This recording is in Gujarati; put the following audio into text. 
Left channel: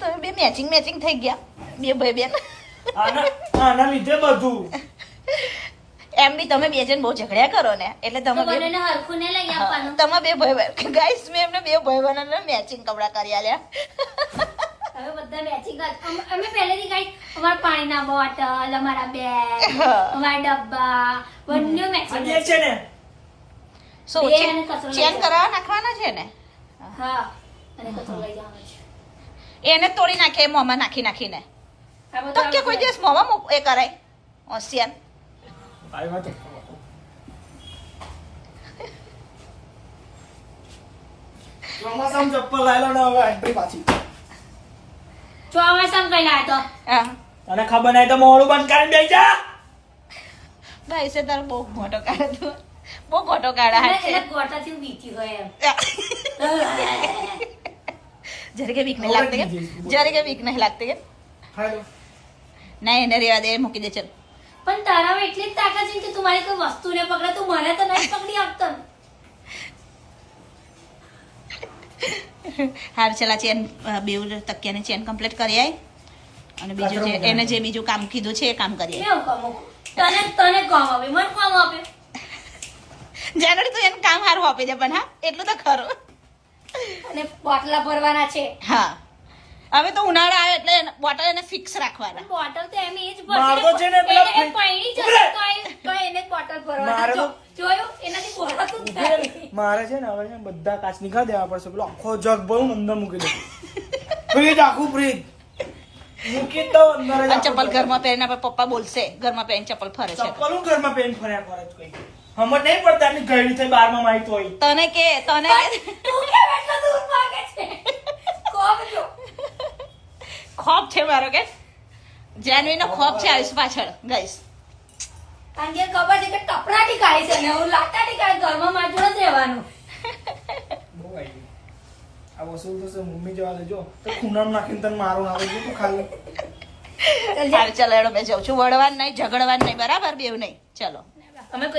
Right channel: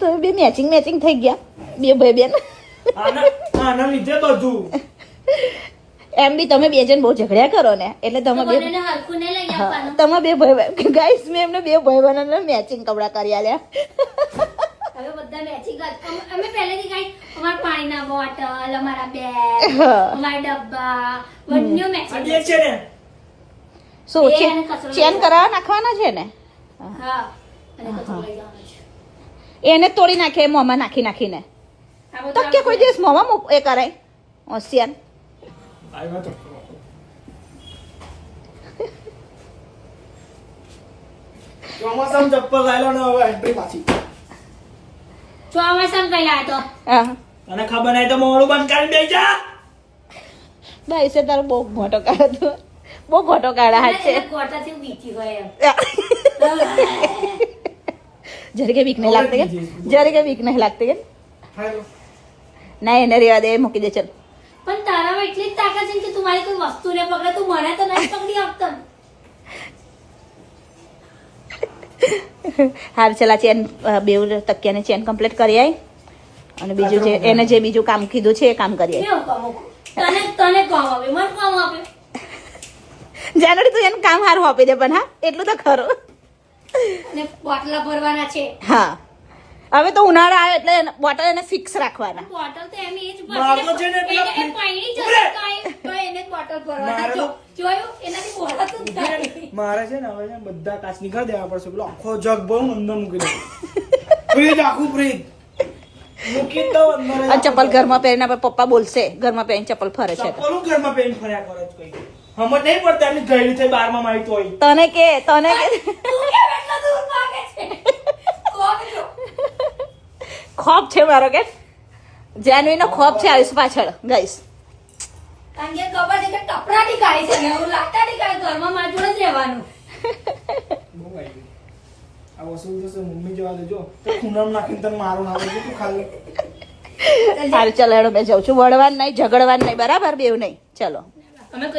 તો બે મેચિંગ થઈ ગયા બે ભાઈ બેન આના લીધે બધું એમ બી તમે બે જણ બહુ ઝઘડ્યા કરો ને એટલે તમે બંનેને હરખું ને લઈ આપવાનું. તમે બે ભાઈ ગાઈસ મેં એમને બે ભાઈ બહેનોને મેચિંગ કપડા કરી આલ્યા હવે બધા મેચિંગ અમે પહેલેથી કઈ અમારા પાણીના બોટલ અમારા બેગ અમારા ડબ્બા બંને મેચિંગ આ છે ને શું બે અને કચરો ચેન લઈ કરાવવા નાખવાના છે ને હા અને કચરો લઈ જવાનો છે. એને તોડી નાખે મોંમાં નાખીને આ બધું તો કે કોઈ દિવસ મોંમાં એ કરે હોશિયાર આવ્યો તો ચોમાસામાં ચપ્પલ લાવી લો ને હવે એન્ટ્રી પાછી ચોમાસામાં કઈ લાયો તો હા અને ખબર નહીં તો મોડું બંધ કરીને બેસી જા દાઈસે તારો બહુ મોટો કાઢો બહુ મોટો કાઢા હાથ છે એટલે ગોટાથી વીતી ગયો જરી કે વીક નહીં લાગતી કે જરી કે વીક નહીં લાગતી કે હાલો ના એને રેવા દે મૂકી દે ચલ પણ તારામાં એટલી જ તાકાત છે કે તું મારી કોઈ વસ્તુ ને પકડે તું મને તો નહીં પકડી આપતો ને. હાર ચલા ચેન બે તકિયાની ચેન કમ્પ્લીટ કરી આય અને બીજું જે એને જે બીજું કામ કીધું છે એ કામ કરી આય કેવું કામ મૂકું? તને કામ આપે મને કામ આપે જાનડી તું એને કામ સારું આપી દે પણ હા એટલું તો ખરું અને બોટલા ભરવાના છે. હા હવે તો ઉનાળા આવે એટલે બોટલ એને ફિક્સ રાખવાના બોટલ તો એમ એ જ મારો છે ને પેલા એને પૈણી જશે તો એને જ બોટલ ભરવાના. મારે તો- જોયું એનાથી બોલાતું જ નથી. મારે છે ને હવે છે ને બધા કાચ નીકળી દેવા પડશે પેલો આખો જગ ભરું અંદર મૂકી દે ફ્રીજ આખું ફ્રીજ મૂકી દો અંદર જ આ ચપ્પલ ઘરમાં પહેરીને આપણે પપ્પા બોલશે ઘરમાં પહેરીને ચપ્પલ ફરે છે ચપ્પલ હું ઘરમાં પેન્ટ ફર્યા કરે છે કોઈ હમત નહીં પડતા એમની ગયડી થઈ 12માં માહિતી હોય તને કે તું કેમ એટલો દૂર ભાગે છે? કોમ જો. ખોફ છે મારો કે જાનવી નો ખોફ છે આયુષ પાછળ ગાઈસ કારણ કે ખબર છે કે ટપરાટી ખાય છે ને હું લાટાટી ખાય ઘરમાં મારી જોડે જ રહેવાનું. બહુ આવી ગયું આ વસ્તુ તો શું મમ્મી જવા દેજો તો ખૂનામ નાખીને તને મારું આવે છે તું ખાલી ચાલ ચલાડો મેં જાઉં છું વળવાનું નહીં ઝઘડવાનું નહીં બરાબર બેવ નહીં ચલો અમે કોઈ